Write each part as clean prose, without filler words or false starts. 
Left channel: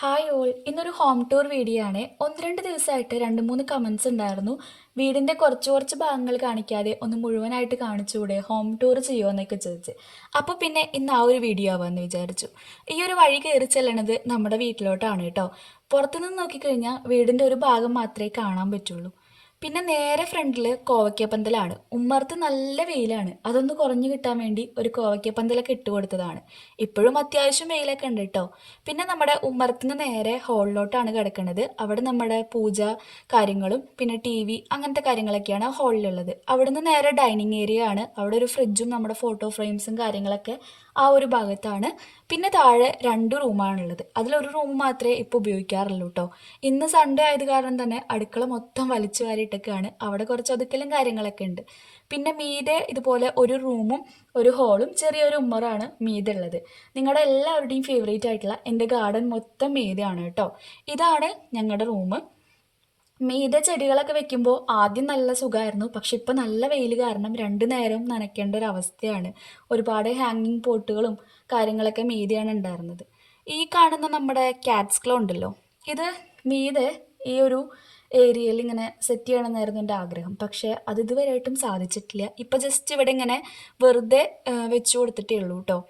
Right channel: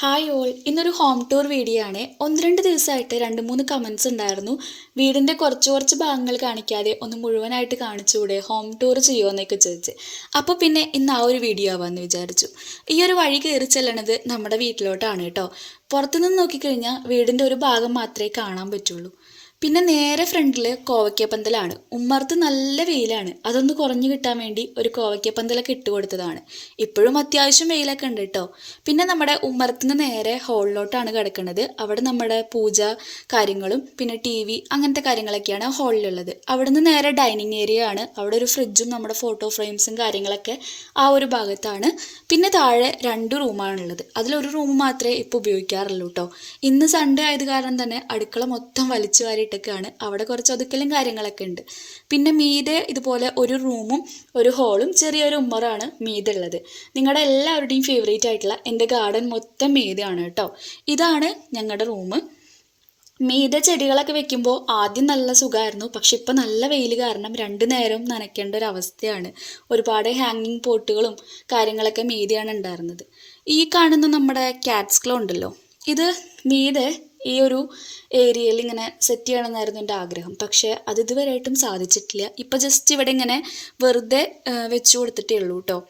Hi all, ഇന്നൊരു home tour video ആണ്. ഒന്ന് രണ്ട് ദിവസമായിട്ട് രണ്ട് മൂന്ന് കമൻസ് ഉണ്ടായിരുന്നു. വീടിൻ്റെ കുറച്ച് ഭാഗങ്ങൾ കാണിക്കാതെ ഒന്ന് മുഴുവനായിട്ട് കാണിച്ചുകൂടെ, ഹോം ടൂർ ചെയ്യുമോ എന്നൊക്കെ ചോദിച്ച്. അപ്പോൾ പിന്നെ ഇന്ന് ആ ഒരു വീഡിയോ ആവാമെന്ന് വിചാരിച്ചു. ഈ ഒരു വഴി കയറി ചെല്ലണത് നമ്മുടെ വീട്ടിലോട്ടാണ് കേട്ടോ. പുറത്തുനിന്ന് നോക്കിക്കഴിഞ്ഞാൽ വീടിൻ്റെ ഒരു ഭാഗം മാത്രമേ കാണാൻ പറ്റുള്ളൂ. പിന്നെ നേരെ ഫ്രണ്ടിൽ കോവയ്ക്കപ്പന്തലാണ്. ഉമ്മർത്ത് നല്ല വെയിലാണ്. അതൊന്ന് കുറഞ്ഞു കിട്ടാൻ വേണ്ടി ഒരു കോവയ്ക്കപ്പന്തലൊക്കെ ഇട്ട് കൊടുത്തതാണ്. ഇപ്പോഴും അത്യാവശ്യം വെയിലൊക്കെ ഉണ്ട് കേട്ടോ. പിന്നെ നമ്മുടെ ഉമ്മറത്തിന് നേരെ ഹോളിലോട്ടാണ് കിടക്കുന്നത്. അവിടെ നമ്മുടെ പൂജ കാര്യങ്ങളും പിന്നെ TV അങ്ങനത്തെ കാര്യങ്ങളൊക്കെയാണ് ഹോളിലുള്ളത്. അവിടുന്ന് നേരെ ഡൈനിങ് ഏരിയ ആണ്. അവിടെ ഒരു ഫ്രിഡ്ജും നമ്മുടെ ഫോട്ടോ ഫ്രെയിംസും കാര്യങ്ങളൊക്കെ ആ ഒരു ഭാഗത്താണ്. പിന്നെ താഴെ 2 റൂമാണുള്ളത്. അതിലൊരു റൂം മാത്രമേ ഇപ്പോൾ ഉപയോഗിക്കാറുള്ളൂ കേട്ടോ. ഇന്ന് സൺഡേ ആയത് കാരണം തന്നെ അടുക്കള മൊത്തം വലിച്ചു വാരിയിട്ടൊക്കെയാണ്. അവിടെ കുറച്ച് ഒതുക്കലും കാര്യങ്ങളൊക്കെ ഉണ്ട്. പിന്നെ മീതെ ഇതുപോലെ ഒരു റൂമും ഒരു ഹോളും ചെറിയൊരു ഉമ്മറാണ് മീതെ ഉള്ളത്. നിങ്ങളുടെ എല്ലാവരുടെയും ഫേവറേറ്റ് ആയിട്ടുള്ള എൻ്റെ ഗാർഡൻ മൊത്തം മീതെയാണ് കേട്ടോ. ഇതാണ് ഞങ്ങളുടെ റൂം. മീതെ ചെടികളൊക്കെ വെക്കുമ്പോൾ ആദ്യം നല്ല സുഖമായിരുന്നു. പക്ഷെ ഇപ്പം നല്ല വെയിൽ കാരണം 2 നേരം നനയ്ക്കേണ്ട ഒരു അവസ്ഥയാണ്. ഒരുപാട് ഹാങ്ങിങ് പോട്ടുകളും കാര്യങ്ങളൊക്കെ മീതെയാണ് ഉണ്ടായിരുന്നത്. ഈ കാണുന്ന നമ്മുടെ ക്യാറ്റ്സ് ക്ലോ ഉണ്ടല്ലോ, ഇത് മീതെ ഈ ഒരു ഏരിയയിൽ ഇങ്ങനെ സെറ്റ് ചെയ്യണമെന്നായിരുന്നു എൻ്റെ ആഗ്രഹം. പക്ഷേ അത് ഇതുവരെയായിട്ടും സാധിച്ചിട്ടില്ല. ഇപ്പം ജസ്റ്റ് ഇവിടെ ഇങ്ങനെ വെറുതെ വെച്ചു കൊടുത്തിട്ടേ ഉള്ളൂ കേട്ടോ.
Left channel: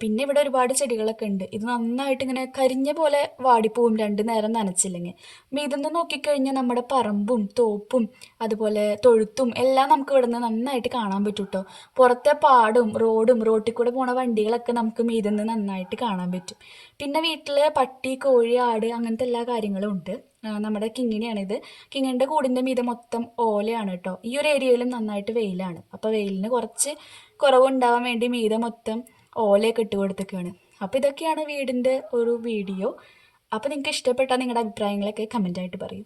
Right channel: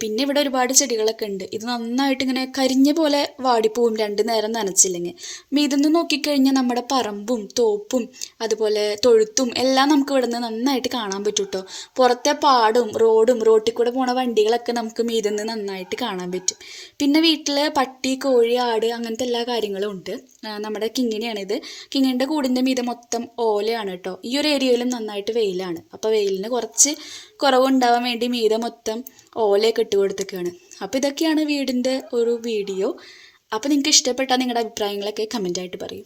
പിന്നെ ഇവിടെ ഒരുപാട് ചെടികളൊക്കെ ഉണ്ട്. ഇത് നന്നായിട്ട് ഇങ്ങനെ കരിഞ്ഞ പോലെ വാടിപ്പോവും 2 നേരം നനച്ചില്ലെങ്കിൽ. ഇതൊന്ന് നോക്കിക്കഴിഞ്ഞാൽ നമ്മുടെ പറമ്പും തോപ്പും അതുപോലെ തൊഴുത്തും എല്ലാം നമുക്ക് ഇവിടെ നിന്ന് നന്നായിട്ട് കാണാൻ പറ്റും കേട്ടോ. പുറത്തെ പാടും റോട്ടിൽ കൂടെ പോണ വണ്ടികളൊക്കെ നമുക്ക് മീതിന്ന് നന്നായിട്ട് കാണാൻ പറ്റും. പിന്നെ വീട്ടിൽ പട്ടി, കോഴി, ആട് അങ്ങനത്തെ എല്ലാ കാര്യങ്ങളും ഉണ്ട്. നമ്മുടെ കിങ്ങിണിയാണിത്. കിങ്ങിൻ്റെ കൂടിൻ്റെ മീതെ മൊത്തം ഓലയാണ് കേട്ടോ. ഈ ഒരു ഏരിയയിലും നന്നായിട്ട് വെയിലാണ്. അപ്പോൾ വെയിലിന് കുറച്ച് കുറവുണ്ടാവാൻ വേണ്ടി മീതെ മൊത്തം ഓലയൊക്കെ ഇട്ട് കൊടുത്തേക്കാണ്. അപ്പോൾ ഇതൊക്കെയാണ് വീടിൻ്റെ ഒരു വീഡിയോ. അപ്പോൾ നിങ്ങൾക്ക് ഇഷ്ടപ്പെട്ടാൽ നിങ്ങളുടെ അഭിപ്രായങ്ങളൊക്കെ കമൻ്റായിട്ട് പറയൂ.